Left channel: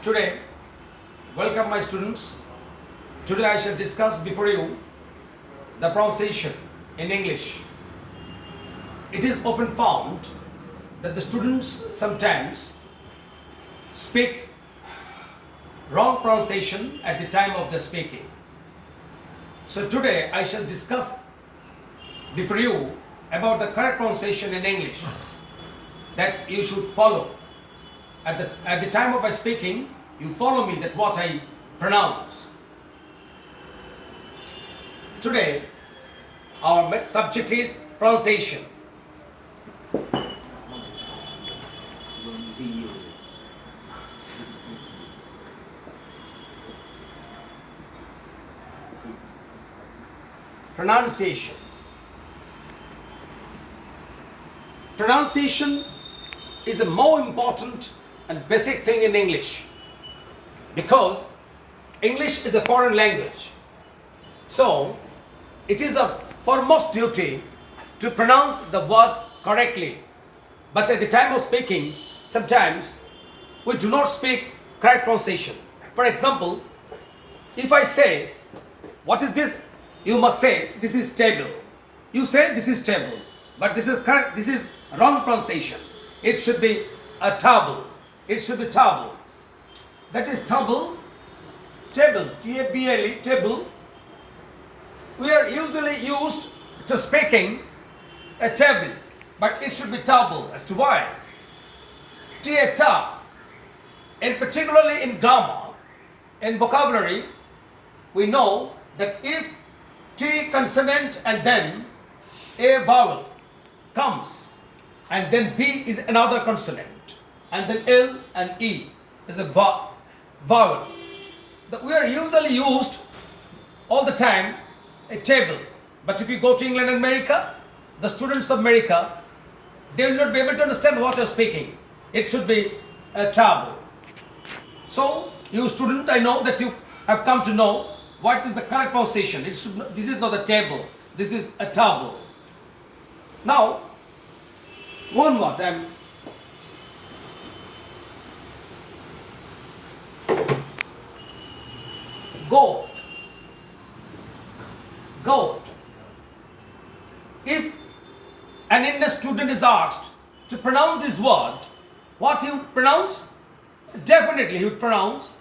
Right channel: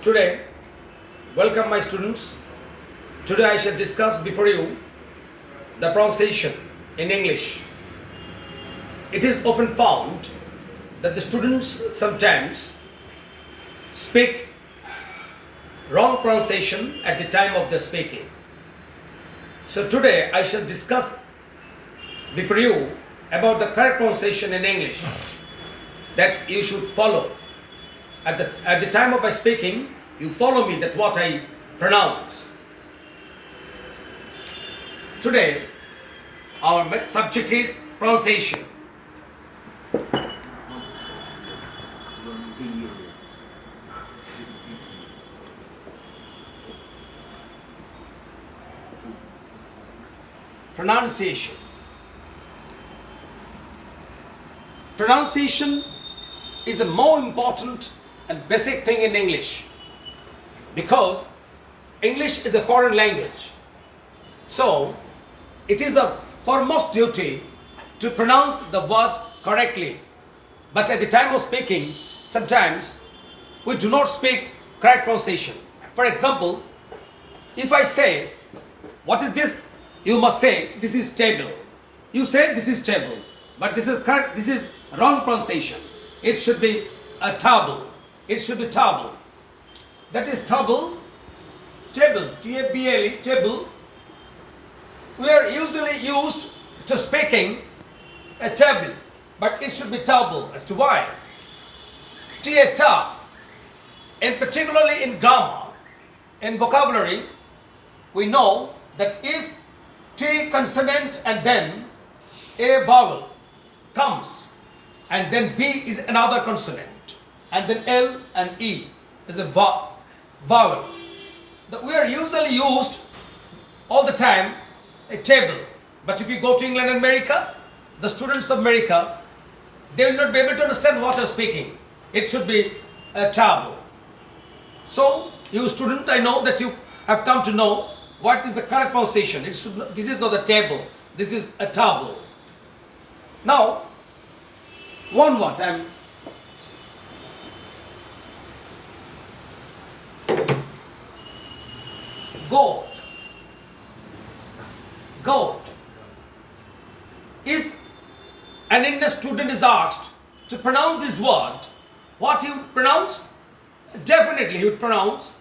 Today, welcome my students. Today I shall discuss before you the pronunciation in English. It is often found that the students sometimes speak wrong pronunciation at the time of the speaking. So today I shall discuss before you about the correct pronunciation in English that you should follow. At the time of my speaking, you follow me that what I pronounce. Today, our subject is pronunciation. Pronunciation. Pronunciation is a more important and basic thing in English because English is a foreign language. So, it is a foremost duty to pronounce the word correctly. But at the time of speaking, sometimes we do not speak correct pronunciation. For example, if I say, what is this? You must say, this is table. You say, this is table. But this is correct, this is wrong pronunciation. It should be a table. It should be table. That is table, table, T-A-B-L-E, table. We are usually used to speaking a table, but it should be table. As to why? T-A-ta, and particularly in grammar, in vocabulary, we know that if T consonant and then a vowel comes, and then B is another consonant, and then L and E is a vowel. We are usually used all the time a table. But if you go to England and America, the students of America, they will not be able to understand what you are speaking. It should be a table. So, you student, I know that you have come to know what is the correct pronunciation. This is not a table. This is a table. Now, one more time. Goat. Goat. If an Indian student is asked to pronounce this word, what he would pronounce? Definitely he would pronounce,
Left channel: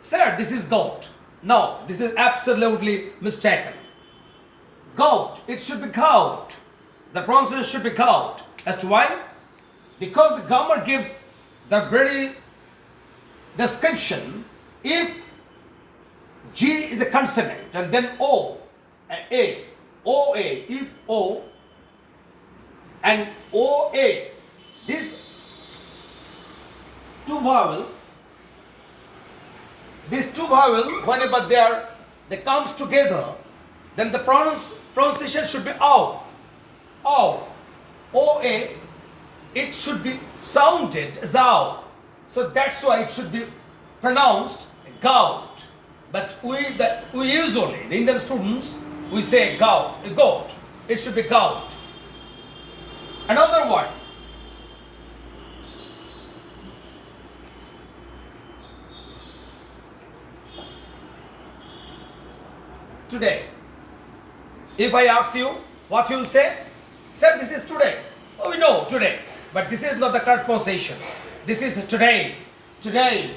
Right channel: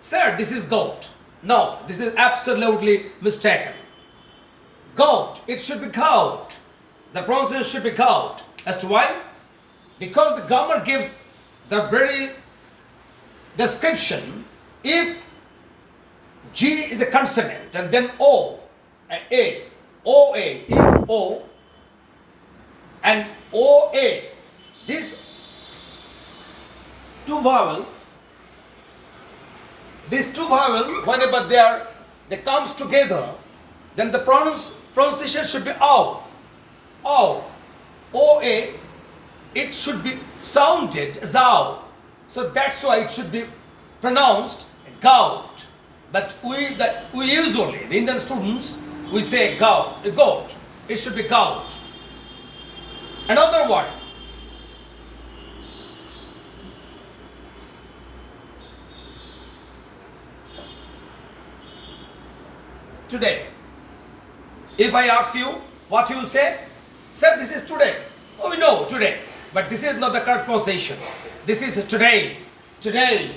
sir, this is goat. No, this is absolutely mistaken. Goat, it should be goat. The pronunciation should be goat. As to why? Because the grammar gives the very description. If G is a consonant and then O, A, O-A, if O and O-A, these two vowels, whenever they comes together, then the pronunciation should be O. O. O-A, it should be sounded as O. So that's why it should be pronounced goat. But we usually, the Indian students, we say goat. It should be goat. Another word. Today. If I ask you, what you will say? Sir, this is today. Oh, we know, today. But this is not the correct pronunciation. This is today. Today.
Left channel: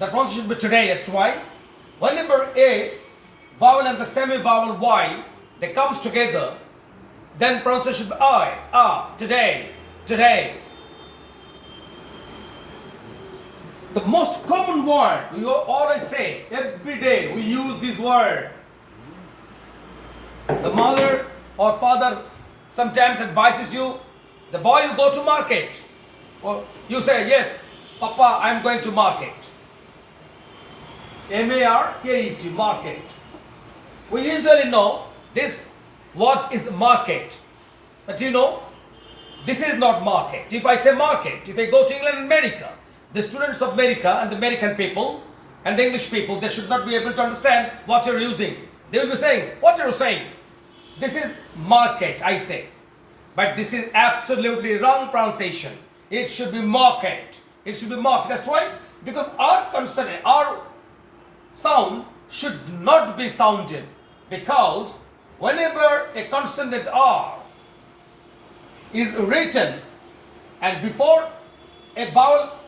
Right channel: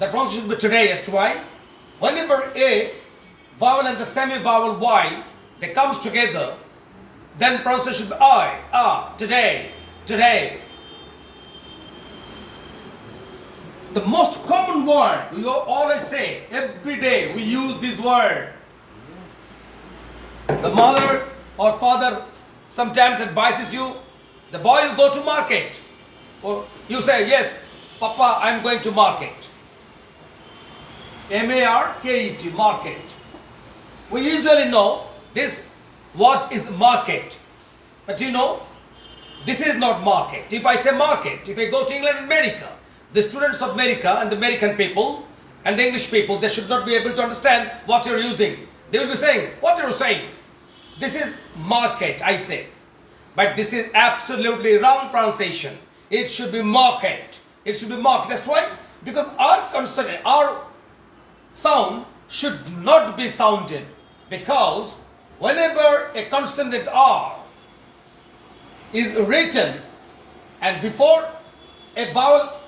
The pronunciation should be today. As to why? Whenever A vowel and the semi-vowel Y, they comes together, then pronunciation should be I, today, today. The most common word, we always say, every day we use this word. The mother or father sometimes advises you, the boy, you go to market. Or you say, yes, Papa, I'm going to market. M-A-R-K-E-T, market. We usually know this, what is market. But you know, this is not market. If I say market, if I go to England and America, the students of America and the American people and the English people, they should not be able to understand what you're using. They will be saying, what are you saying? This is market, I say. But this is absolutely wrong pronunciation. It should be market. It should be market. That's why because our consonant, our sound should not be sounded, because whenever a consonant R is written and before a vowel,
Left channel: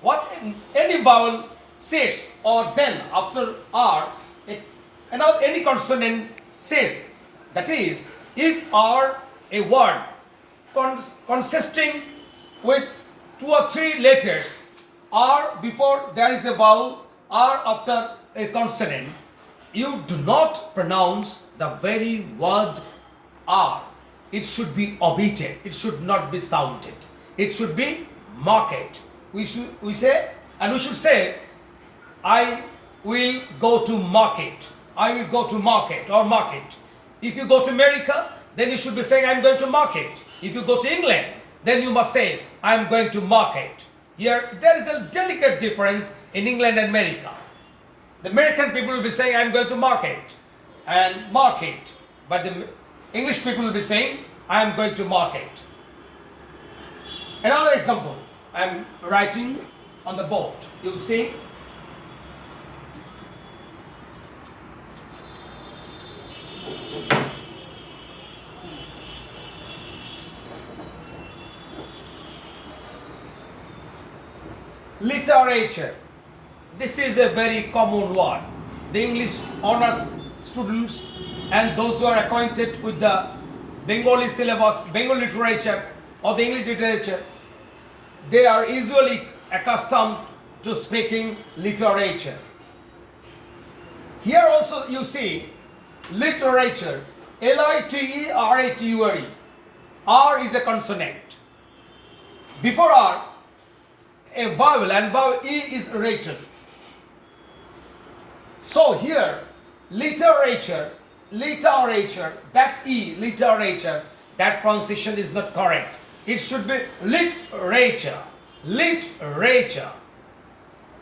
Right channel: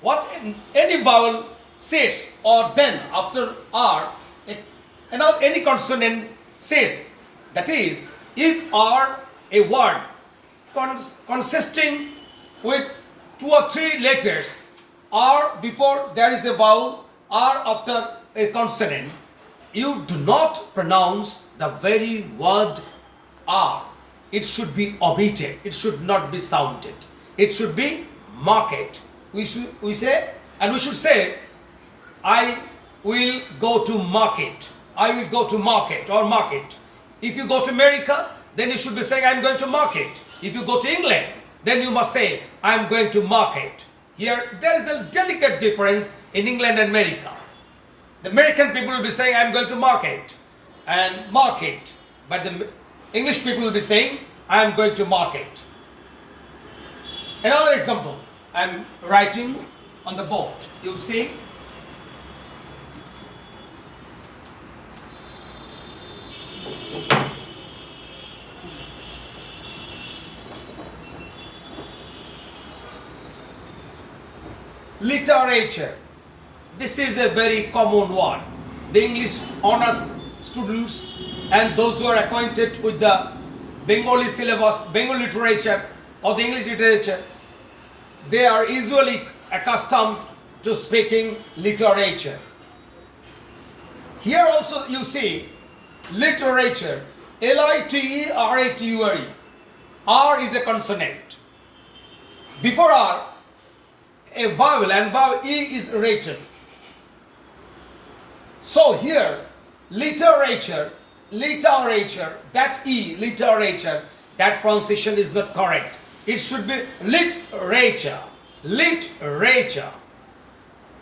what any vowel says, or then after R, any consonant says, that is, if R a word consisting with 2 or 3 letters, R before there is a vowel, R after a consonant, you do not pronounce the very word R. It should be omitted. It should not be sounded. It should be marked. We should say, I will go to market. I will go to market or market. If you go to America, then you should be saying, I am going to market. If you go to England, then you must say, I am going to market. Here, there is a delicate difference in England and America. The American people will be saying, I am going to market and market. But the English people will be saying, I am going to market. Another example, I am writing on the board. You see, literature. This is a very common one. The English honors students and those who are acquainted with the Bengali syllabus, Bengali literature or the English literature, they are usually accustomed to speaking literature. Here also you see literature, Literature. R is a consonant. Before R, a vowel, and vowel E is written. So here, literature, that E, literature, that pronunciation is not correct. It should be literature.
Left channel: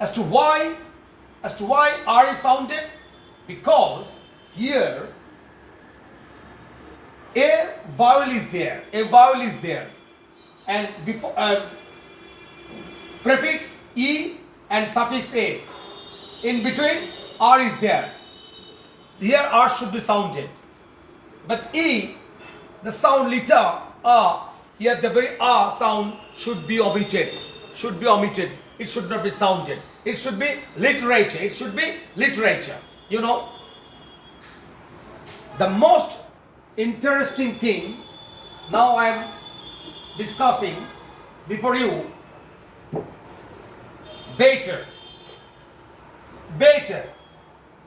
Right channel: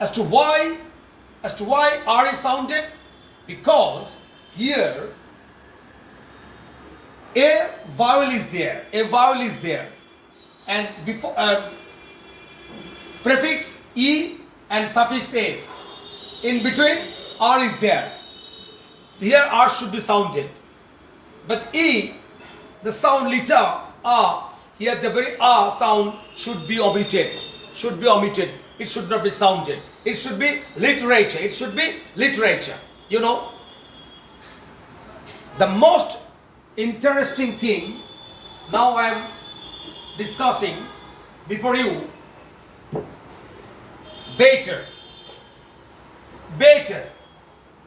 As to why R is sounded? Because here a vowel is there, and before prefix E and suffix A. In between, R is there. Here R should be sounded. But E, the sound letter R, here the very R sound should be omitted. It should not be sounded. It should be literature. You know, the most interesting thing now I am discussing before you, better,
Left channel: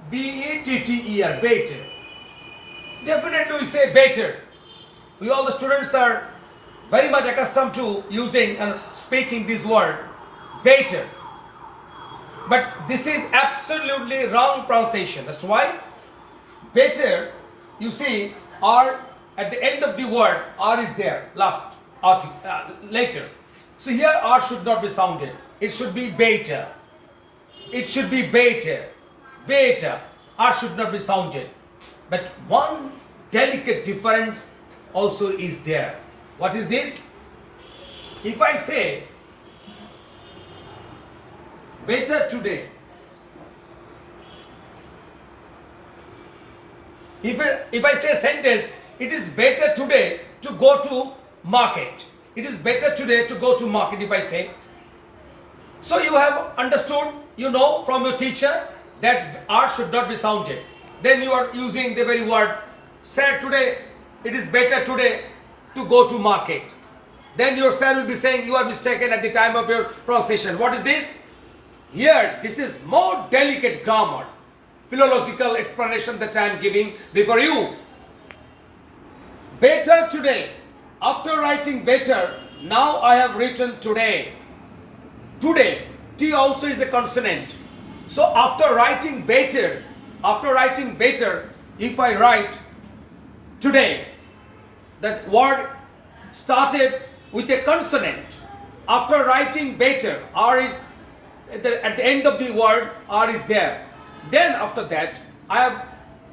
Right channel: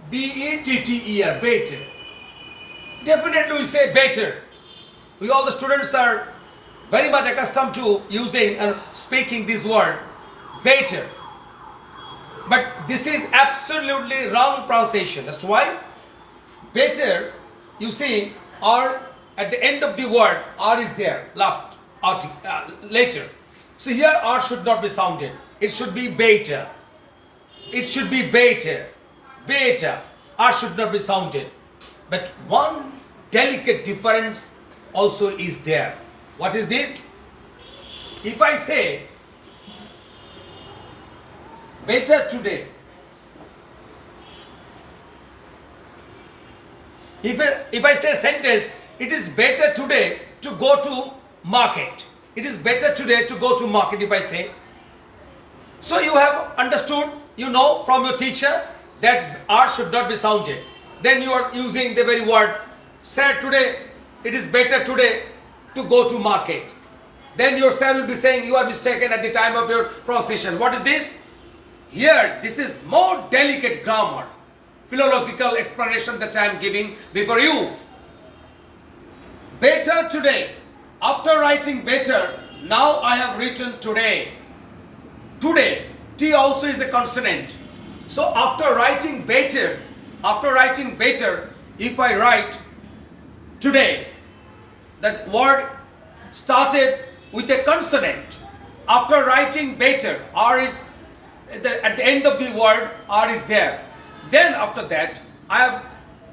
B-E-T-T-E-R, better. Definitely we say better. We all the students are very much accustomed to using and speaking this word, better. But this is absolutely wrong pronunciation. That's why better, you see, R at the end of the word, R is there, later. So here R should not be sounded. It should be better. Beta. R should not be sounded. But one delicate difference also is there. What is this? If I say better today, if I say a sentence, it is better today to go to market. It is better today to go to market, if I say. So you have understood, you know from your teacher that R should not be sounded. Then you are using the very word, sir, today, it is better today to go to market. Then your sir will be saying you are mistaken at the time of your pronunciation. What is this? Here, this is more delicate grammar, philological explanation that I am giving before you. Better today. After writing better, now I have written today. Today, T also is a consonant. So after writing better, if I write today, that word started with a consonant. After writing better, R is at the end of the word, R is there. Then after that, I have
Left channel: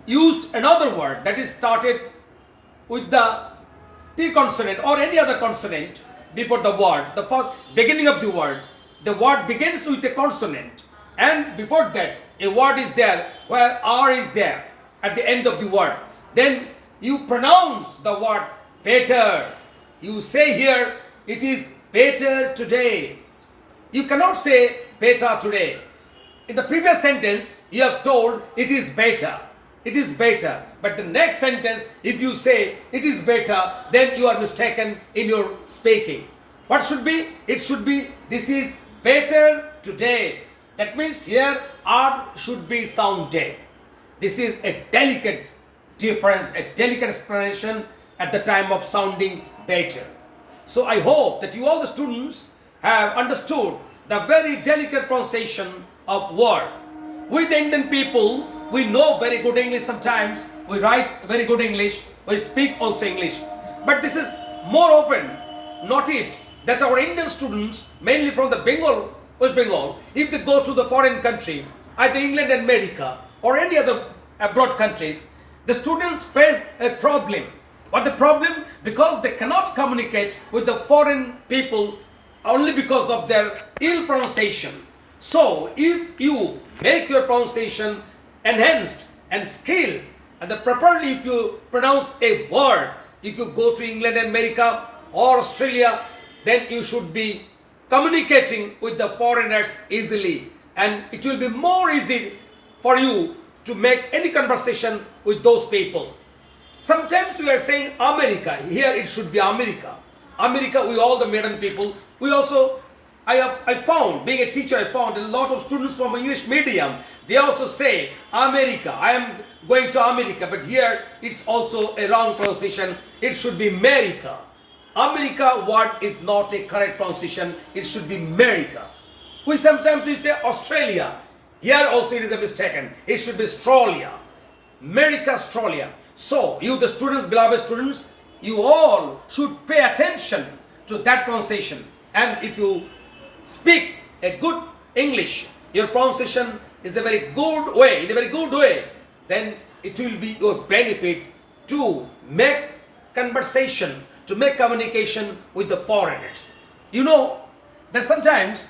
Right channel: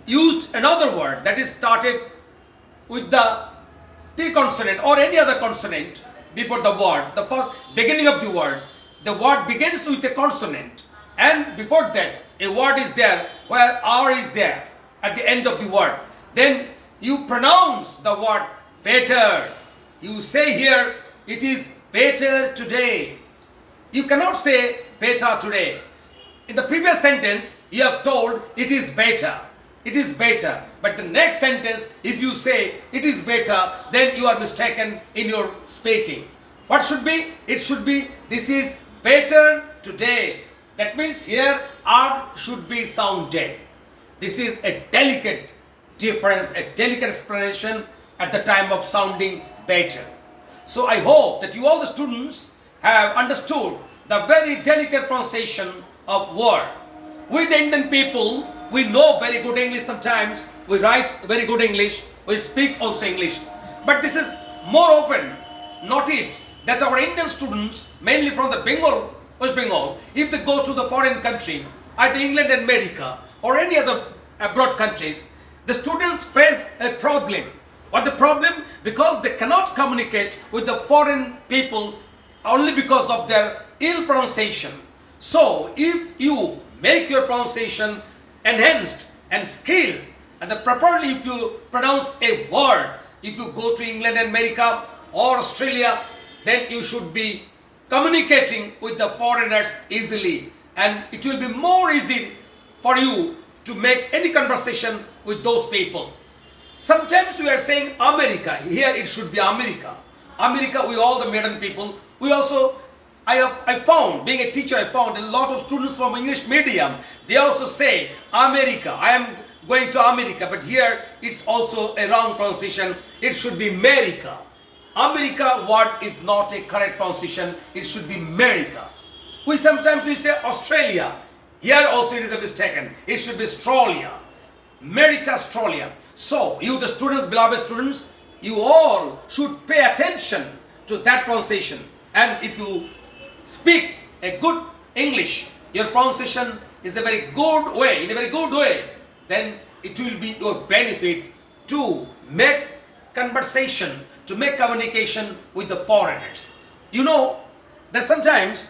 used another word that is started with the T consonant or any other consonant before the word, the first beginning of the word. the word begins with a consonant, and before that a word is there where R is there at the end of the word. Then you pronounce the word better. You say here, it is better today. You cannot say better today. In the previous sentence, you have told it is better. It is better. But the next sentence, if you say it is better, then you are mistaken in your speaking. What should be? It should be, this is better today. That means here R should be sounded. This is a delicate difference, a delicate explanation at the time of sounding better. So I hope that you all the students have understood the very delicate pronunciation of word. We the Indian people, we know very good English sometimes, we write very good English, we speak also English. But this is more often noticed that our Indian students, mainly from the Bengal, West Bengal, if they go to the foreign country, either England and America or any other abroad countries, the students face a problem. What the problem? Because they cannot communicate with the foreign people only because of their ill pronunciation. So if you make your pronunciation enhanced and skilled, and properly if you pronounce a word, if you go to England and America or Australia, then you should be communicating with the foreigners easily, and it will be more easy for you to make any conversation with those people. Sometimes we are saying America, here it should be America. America, we all the modern people, we also, I found, being a teacher, I found a lot of students from English medium, they also say America, I am going to America, but here it's also a wrong pronunciation, it should be America. America word is not a correct pronunciation, it should be America. Sometimes we say Australia, here also it is a mistaken, it should be Australia. America, Australia. So, you the students, beloved students, you all should pay attention to that pronunciation. And if you speak a good English, your pronunciation is a very good way, in a very good way, then it will be your benefit to make conversation, to make communication with the foreigners. You know that sometimes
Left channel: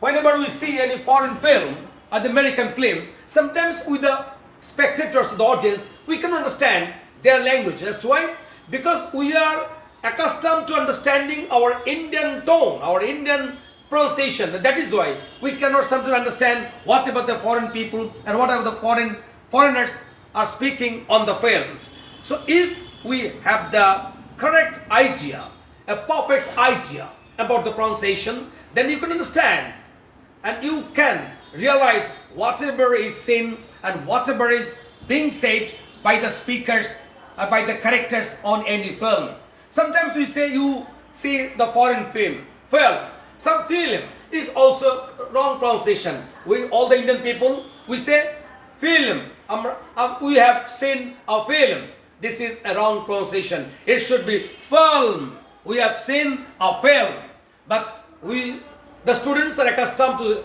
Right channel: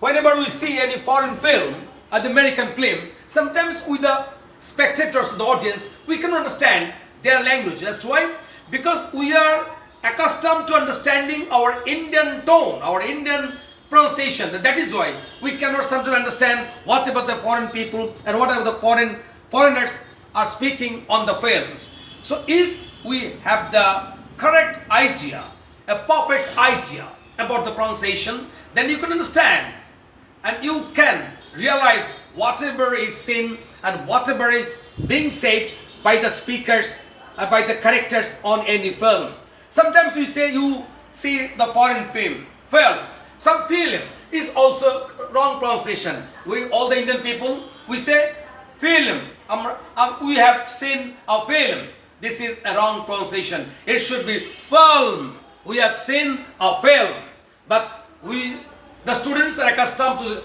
whenever we see any foreign film or the American film, sometimes with the spectators, the audience, we can understand their language. That's why, because we are accustomed to understanding our Indian tone, our Indian pronunciation. That is why we cannot sometimes understand whatever the foreign people and whatever the foreigners are speaking on the films. So if we have the correct idea, a perfect idea about the pronunciation, then you can understand and you can realize whatever is seen and whatever is being said by the speakers, by the characters on any film. Sometimes we say you see the foreign film. Some film is also wrong pronunciation. We, all the Indian people, we say film. We have seen a film. This is a wrong pronunciation. It should be film. We have seen a film. But the students are accustomed to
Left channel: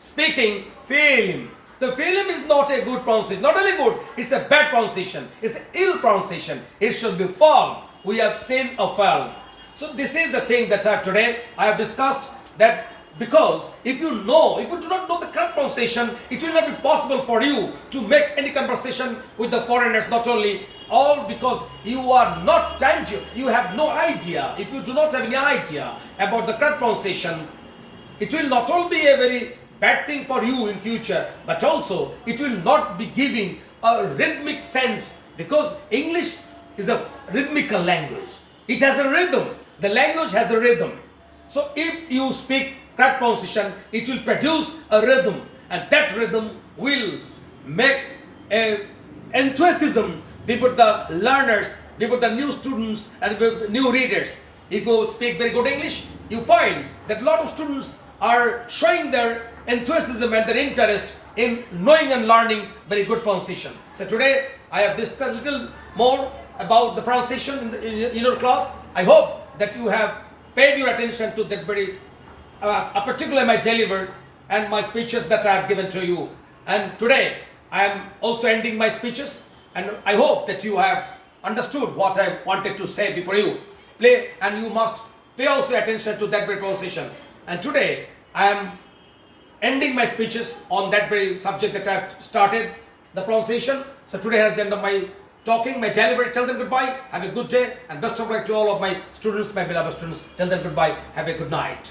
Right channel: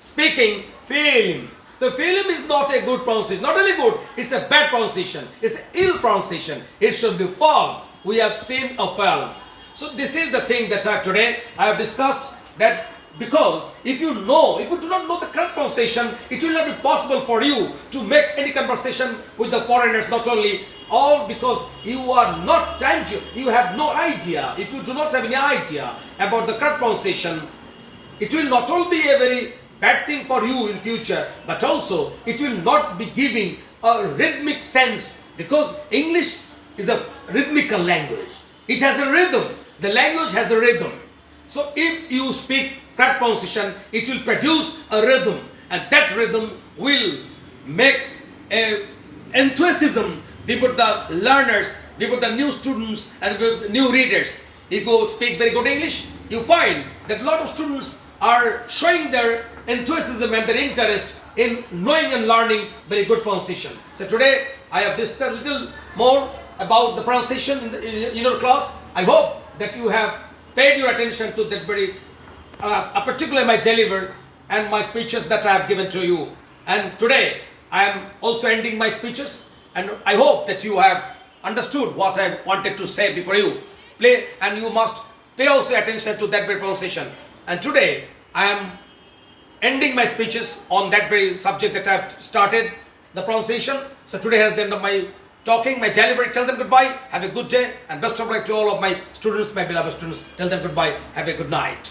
speaking film. The film is not a good pronunciation. Not only good, it's a bad pronunciation. It's an ill pronunciation. It should be film. We have seen a film. So this is the thing that today I have discussed, that because if you do not know the correct pronunciation, it will not be possible for you to make any conversation with the foreigners, not only all because you are not tangible, you have no idea. If you do not have any idea about the correct pronunciation, it will not only be a very bad thing for you in future, but also it will not be giving a rhythmic sense, because English is a rhythmical language. It has a rhythm. The language has a rhythm. So if you speak correct pronunciation, it will produce a rhythm, and that rhythm will make a enthusiasm before the learners, before the new students and new readers. If you speak very good English, you find that a lot of students are showing their enthusiasm and their interest in knowing and learning very good pronunciation. So today I have discussed a little more about the pronunciation in your class. I hope that you have paid your attention to that very particularly my delivered and my speeches that I have given to you. And today I am also ending my speeches, and I hope that you have understood what I wanted to say before you. And you must pay also attention to that very pronunciation. And today I am ending my speeches on that very subject that I have started, the pronunciation. So today has the end of my talking, my delivery. Tell them goodbye. Have a good day and best of luck to all of my students, my beloved students. Tell them goodbye. Have a good night.